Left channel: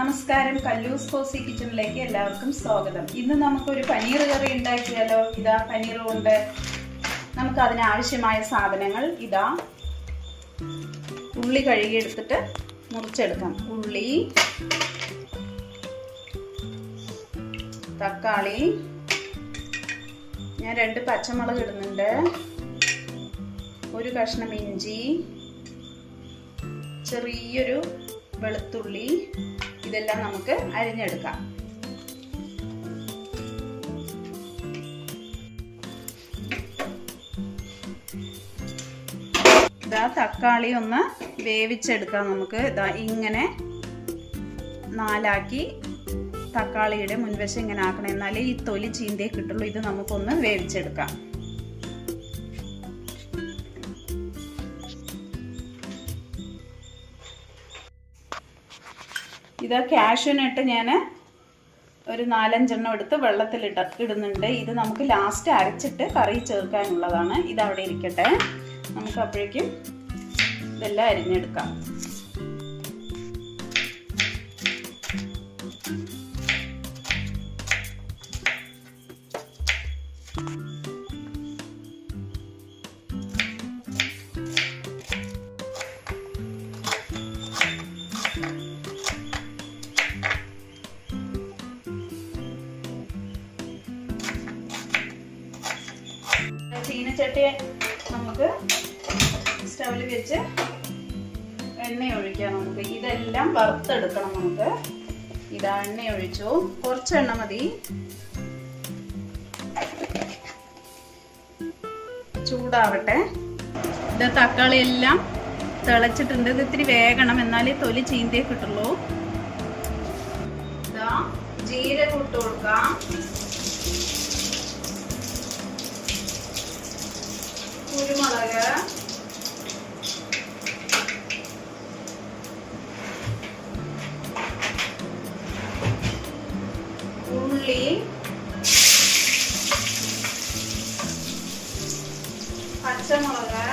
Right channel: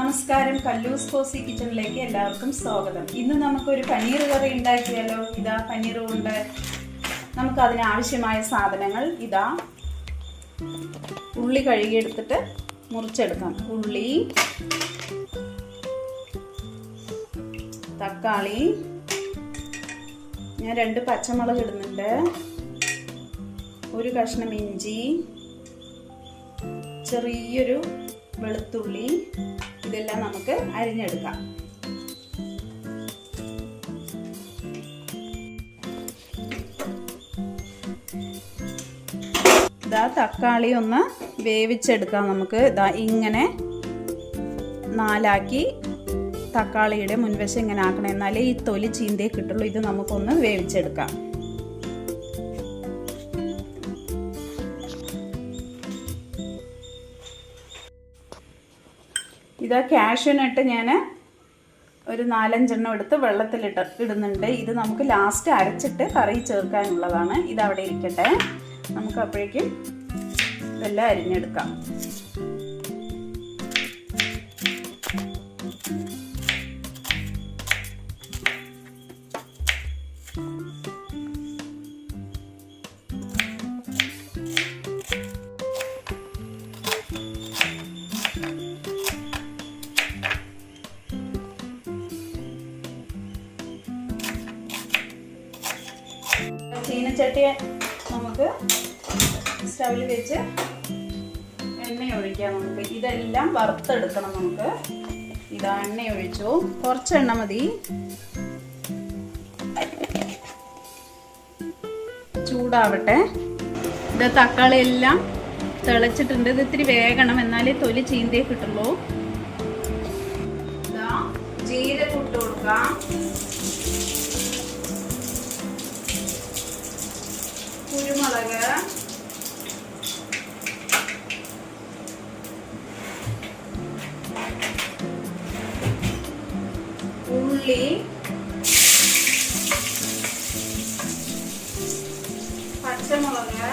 നമസ്കാരം, കല്ലൂസ് കോസി കിച്ചണിലേക്ക് എല്ലാവർക്കും സ്വാഗതം. ഇന്ന് നമുക്കൊരു പനീർ കറി ഉണ്ടാക്കിയാലോ. ഇതാ പനീർ കൊണ്ട് നമുക്ക് അതിനാവശ്യമായ സാധനങ്ങൾ ഇതാ. ഉള്ളി കഴുകിയെടുത്തിട്ട് മുറിച്ചെടുക്കാം. ഉള്ളി, തക്കാളി, ഞാൻ 2 പച്ചമുളക് ഇടുന്നുണ്ട്, ഒരു കഷ്ണം ഇഞ്ചി, ചെറിയൊരു വെളുത്തുള്ളി, ഇതെല്ലാം നമുക്ക് അരിഞ്ഞെടുക്കാം. ഇതാ തക്കാളി ഒന്ന് വേവിച്ചെടുക്കാം. നമുക്ക് ഇതാ ഇങ്ങനെ 4ആക്കി തക്കാളിയുടെ മുൻവശം ഇങ്ങനെ ആക്കണം, എന്നാലേ ഈ തൊലി ചീന്തേ കിട്ടുള്ളൂ. ഇത് നമുക്കൊന്ന് വേവിച്ചെടുക്കാം. ഇതാ കാഷ്യൂനട്ട് ഞാൻ ഒരു 4-5 എണ്ണം എടുത്ത് വെള്ളത്തിലിടുന്നുണ്ട്. ഇത് നമുക്ക് ലാസ്റ്റ് അരച്ചിട്ട് കറി ചേർക്കാനുള്ളതാണ്. ഇതവിടെ ഇരിക്കട്ടെ. നമുക്ക് അപ്പോഴേക്കും ഇതെല്ലാം അരിഞ്ഞെടുക്കാം. ചീനച്ചട്ടി നമുക്ക് സ്റ്റൗവിൽ വെച്ച് എണ്ണ ഒഴിക്കാം. നമുക്ക് ഇതെല്ലാം വറുത്തെടുക്കണം. നമുക്ക് ഇതാ എണ്ണ ഒഴിച്ചു, കുറച്ച് എണ്ണ മതി. ചൂടാവട്ടെ. ഇത് തക്കാളി എല്ലാം തിളച്ചിട്ടുണ്ട്. ഇത് ഇത്തിരി വേകണം, എന്നാലേ തൊലി ചീന്തേ കിട്ടുള്ളൂ. ഇതാ ജീരകം ഇട്ട് കൊടുക്കാം, കുരുമുളക്, ഉള്ളി, പച്ചമുളക്,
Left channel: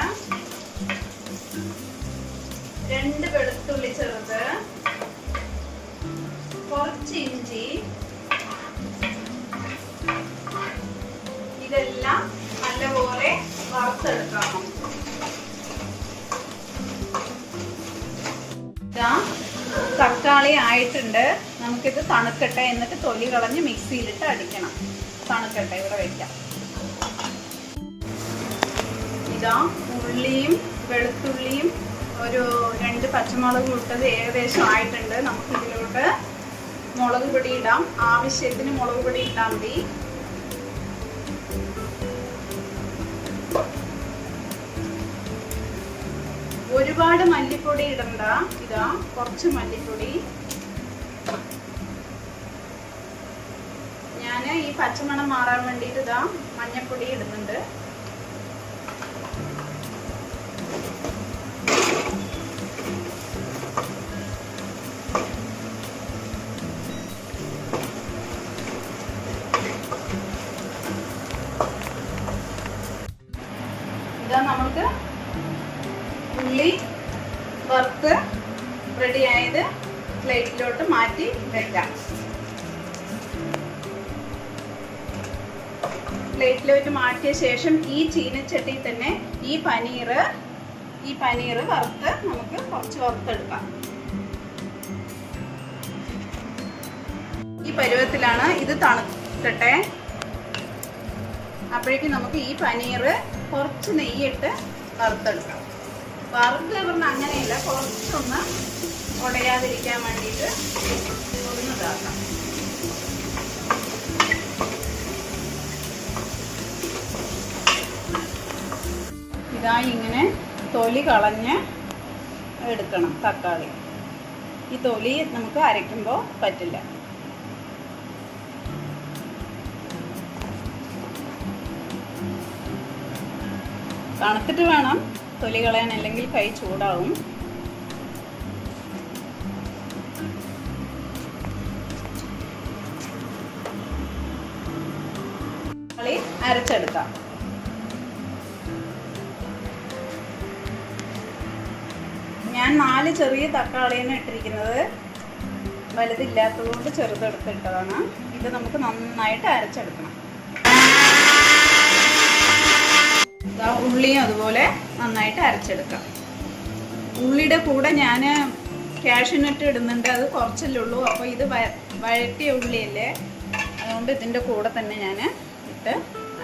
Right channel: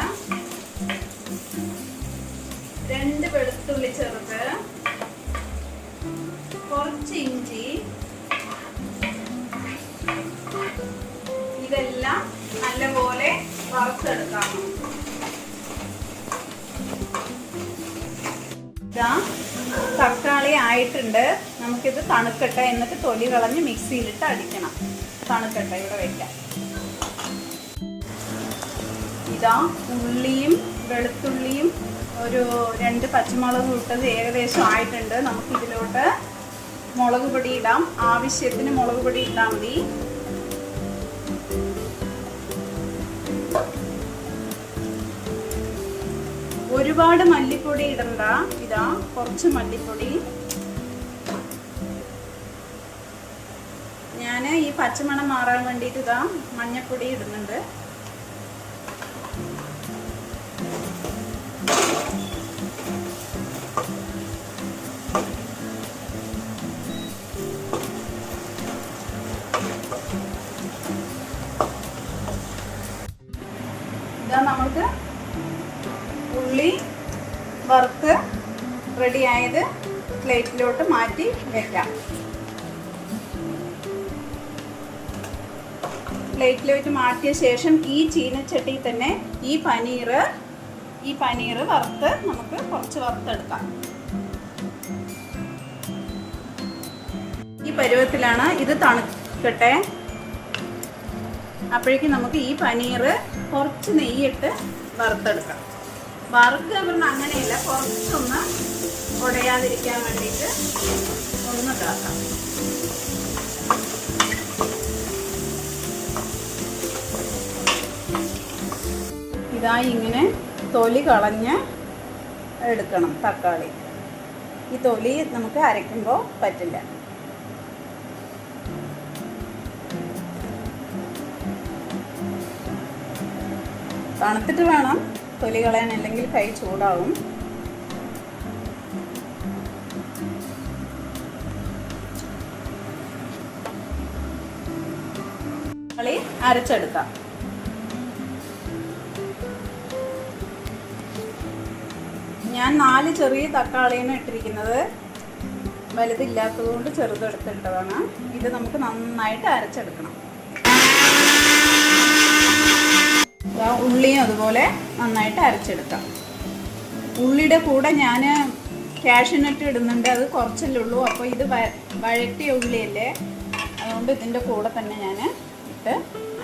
2 വെളുത്തുള്ളി ചെറുത്, കുറച്ച് ഇഞ്ചി, ഇതെല്ലാം നല്ലപോലെ വറുത്തെടുക്കാം. ഇതാ തക്കാളി ആയിട്ടുണ്ട്. നമുക്കിത് തണുക്കട്ടെ, എന്നിട്ട് തൊലി കളഞ്ഞ് മിക്സിയിലിട്ട് അടിക്കണം. തണുക്കട്ടെ, ഇവിടെ വയ്ക്കാം. ഇതാ ഉള്ളിയും വെളുത്തുള്ളിയും ഒരു 2 പച്ചമുളക് ഇട്ടത് ഏകദേശം ആയിട്ടുണ്ട്. നമുക്കിതിലോട്ട് മുളക് പൊടി ഇടാം. ആവശ്യത്തിന് മുളക് പൊടി ഇട്ടാൽ മതി. ഒരുപാട് മല്ലിപ്പൊടി ഇടണ്ട. ഇതാ കുറച്ച് മല്ലിപ്പൊടി. ഞാൻ ഈ പച്ചമണം മാറാൻ വേണ്ടിയിട്ട് ഇതാ മഞ്ഞപ്പൊടി ഇടുന്നുണ്ട്. ഇതാ നമുക്ക് ഉള്ളി വറുത്ത് റെഡിയായത് പ്ലേറ്റിലോട്ട് മാറ്റി വെക്കാം. പ്ലേറ്റിലോട്ട് മാറ്റിയ ശേഷം ഈ ചീനച്ചട്ടിയിൽ തന്നെ ഈ പനീർ വറുത്ത് നമുക്ക് കുറച്ച് വറുത്തെടുക്കാം. ഈ പരുവത്തിലാണ്. ഇത് തണുക്കട്ടെ. അപ്പോഴേക്കും നമുക്ക് ഈ പനീർ കുറച്ച് നെയ്യിട്ട് വറുത്തെടുക്കാം. വറുക്കുക പറഞ്ഞാൽ അങ്ങനെയില്ല, കുറച്ചൊന്ന് ഉടയാതിരിക്കാൻ വേണ്ടിയിട്ട് ഒന്ന് ഇതാക്കാം. ഇതായി ഇങ്ങനെ തൊലി കളഞ്ഞ് എടുക്കണം തക്കാളി. ഈ തൊലി നമുക്ക് അരയ്ക്കുമ്പോൾ പറ്റില്ല. തണുത്തിട്ട് വേണം തൊലി കളയാൻ, അല്ലെങ്കിൽ കൈ ചൂടാവും. തക്കാളി അരച്ചെടുക്കാം. ഞാൻ 4 ചെറിയ തക്കാളിയാണ് ഇട്ടിരിക്കുന്നത്. വലുതില്ലാത്തതുകൊണ്ട് ചെറുതെടുത്തിട്ടതാണ്. ഇത് നമുക്ക് നന്നായിട്ട് അരച്ചെടുക്കണം. ഉള്ളിയും അതുപോലെ നന്നായിട്ട് അരച്ചെടുക്കാം. ഉള്ളിയുടെ കൂടെ ഞാൻ കാഷ്യൂനട്ട് ഇടുന്നുണ്ട്. അത് കുറച്ചല്ലേ ഉള്ളൂ. അപ്പോൾ ഇത് വഴറ്റിയ ഉള്ളിയല്ലേ, അതുകൊണ്ട് ഇതിൻ്റെ കൂടെ തന്നെ ഞാൻ ഇട്ട്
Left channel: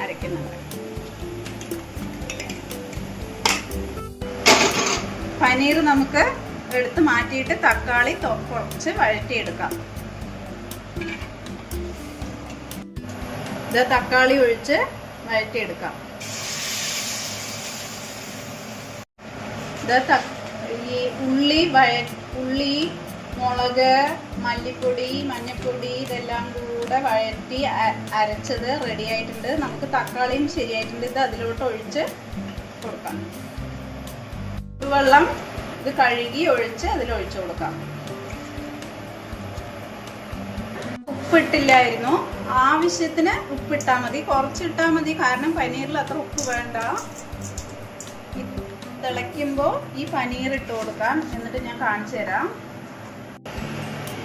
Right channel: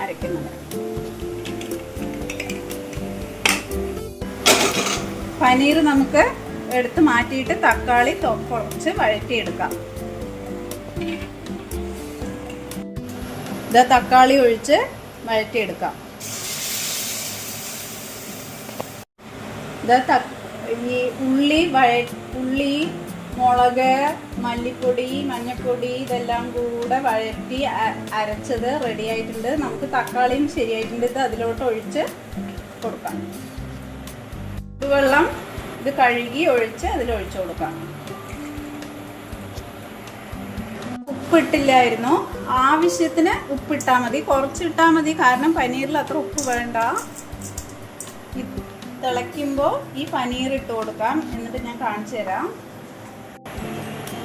അരയ്ക്കുന്നത്. പനീർ നമുക്ക് എടുത്ത് മാറ്റിയിട്ട് തക്കാളി കുറച്ച് വഴറ്റിയെടുക്കാം. ഇത് തക്കാളി ഒഴിച്ച് വഴറ്റിയെടുക്കാം. ഈ ഉള്ളി, മുളക്, മല്ലിപ്പൊടി, മഞ്ഞൾപ്പൊടി ഇതെല്ലാം കൂടെ വഴറ്റി അരച്ചത് റെഡി ആയിട്ടുണ്ട്. നമുക്ക് തക്കാളിയും ശരിയായിട്ടുണ്ട്. ഇത് അതിലോട്ട് ഒഴിച്ച് കൊടുക്കാം. വെള്ളം ഇത് കഴുകി ഒഴിച്ച് അതിലൊഴിച്ചു കൊടുക്കാം. ഉപ്പിട്ടില്ലായിരുന്നു. ആവശ്യത്തിന് ഉപ്പിട്ടാൽ മതി, കുറച്ചിട്ടാൽ മതി. കാരണം പനീറിൽ അത്ര ഉപ്പ് വേണ്ട. തിളയ്ക്കുമ്പോൾ ഈ പനീർ ഇട്ട് കൊടുക്കാം. എന്നിട്ട് ഞാൻ കാണിച്ചു തരാം.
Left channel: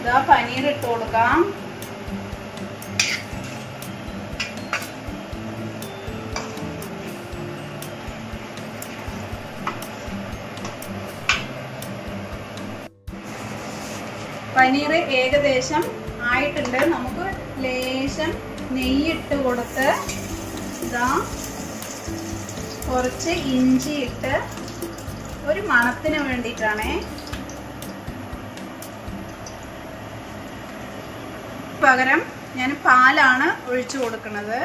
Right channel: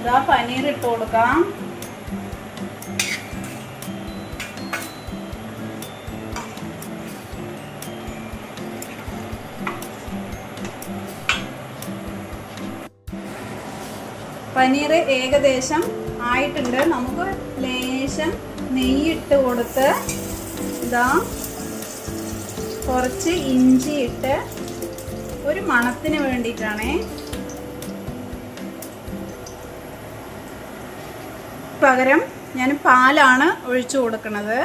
ഇതാ പനീർ ഇട്ട് കൊടുക്കാം. പനീർ ഏകദേശം ആയിട്ടുണ്ട്. നമുക്ക് ലേശം നെയ്യിട്ട് കൊടുത്ത് ഇതാ കുറച്ച് ഇഞ്ചി ഇട്ട് ഒരു മണത്തിന് വേണ്ടിയിട്ടാണേ. പകരം ഞാൻ പാലാണ് ഒഴിച്ചു കൊടുക്കുന്നത്.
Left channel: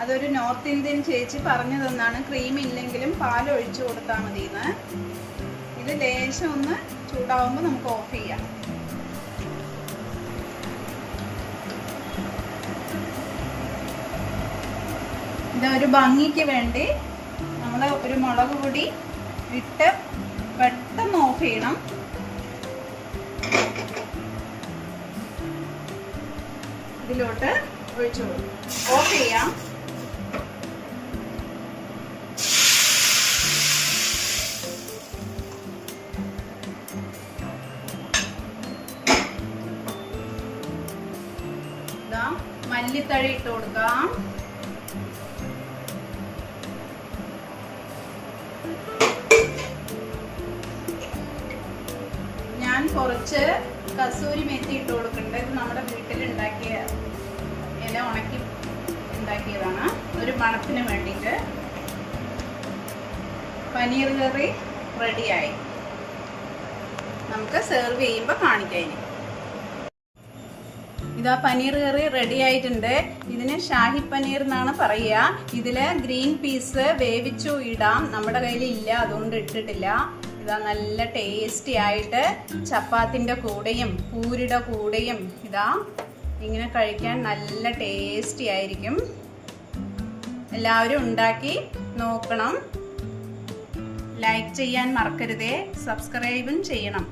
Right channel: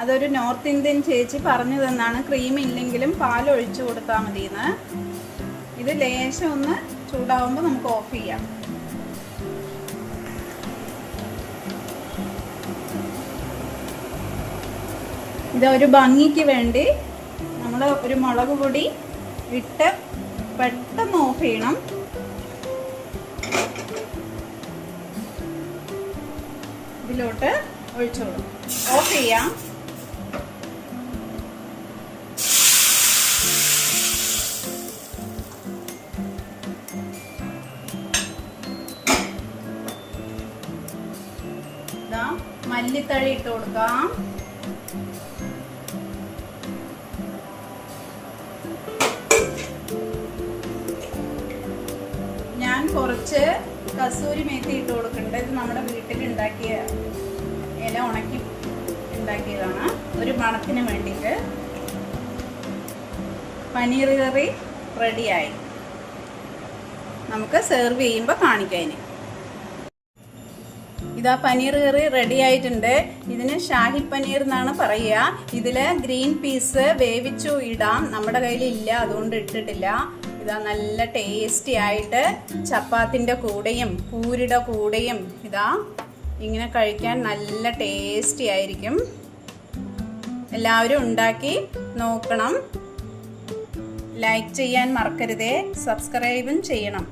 അതൊരു നോർത്ത് ഇന്ത്യൻ ചേച്ചി പറഞ്ഞു തന്നാണ്, ക്രീം ഇല്ലെങ്കിലും പാൽ ഒഴിച്ചു കൊടുത്താൽ മതിയെന്ന്. ഇത് ലേശം ഒന്ന് ചൂടാവുമ്പോൾ നമുക്ക് ഓഫ് ചെയ്യാം. ഇതൊരു ഭംഗിക്ക് വേണ്ടി നമ്മൾ ഒരു മുളക് പൊടി ഇട്ട് പെട്ടെന്ന് ഓഫ് ചെയ്യണം. ഇതിലോട്ട് ഒഴിച്ചു കൊടുക്കും. ഓഫ് ചെയ്യാം. മല്ലിത്തഴ ഇട്ട് കൊടുക്കാം. ഞാൻ കുറച്ച് കസൂരി മേത്തി ഇട്ട് കൊടുക്കുന്നുണ്ട്. ഇത് നമ്മുടെ വീട്ടിലുണ്ടാക്കിയ ഇല ഉണക്കി ഉണ്ടാക്കിയതാണ്, ഒരു മണത്തിന് വേണ്ടിയിട്ട്. പനീർ കറി റെഡിയായി. നമുക്ക് സെർവ് ചെയ്യുമ്പോൾ കാണിക്കാം. ഇതാ പനീർ കറി റെഡി ആയിട്ടുണ്ട്. ഇതിന് ഷാഹി പനീർ എന്നാണ് പറയുക. ഇതിൽ ഗ്രീൻ പീസ് വേവിച്ചു ഇടാം. നമ്മുടെ കയ്യിൽ ഇല്ല, അതുകൊണ്ട് ഇട്ടിട്ടില്ല. ഇതാ നല്ല ടേസ്റ്റി ആയിട്ട് ചപ്പാത്തിൻ്റെ കൂടെയും പൂരിയുടെ കൂടെയും ഇതാ ഇങ്ങനെ കഴിക്കാൻ നല്ല ടേസ്റ്റി ആയിരിക്കും. എല്ലാവരും ഉണ്ടാക്കി നോക്കണം. ലൈക്ക് ചെയ്യാൻ മറക്കരുതേ. സബ്സ്ക്രൈബും ചെയ്യണം.